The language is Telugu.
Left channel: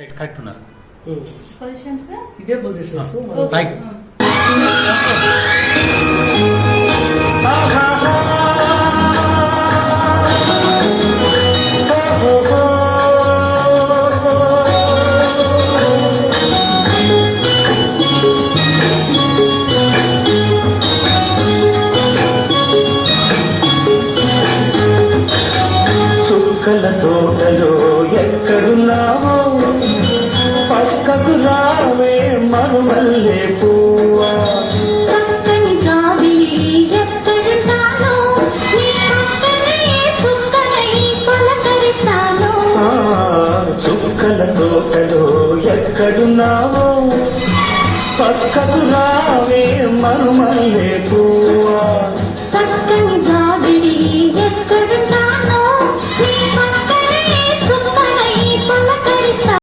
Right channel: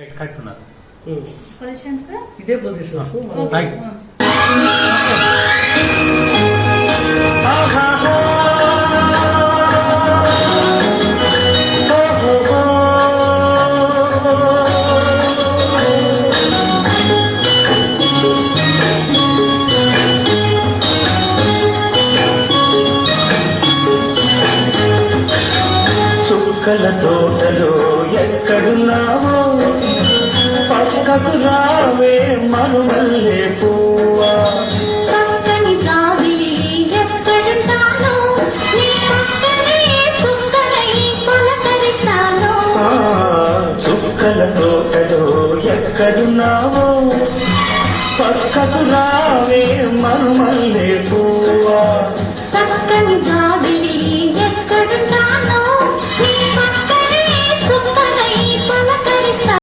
రైట్ కరెక్ట్ ఉన్నారు. పొజిషన్ సార్ ఇదే పొజిషన్ రైట్. చుక్కల తోటలో ఎక్కడున్నావో పక్కకు రావే మరుమల్లే పువ్వా. చక్కని జాబిలి ఎక్కడున్నానో నీ పక్కనే చుక్కలై కొలకరిస్తాను. చుక్కల తోటలో ఎక్కడున్నావో పక్కకు రావే మరుమల్లే పువ్వా.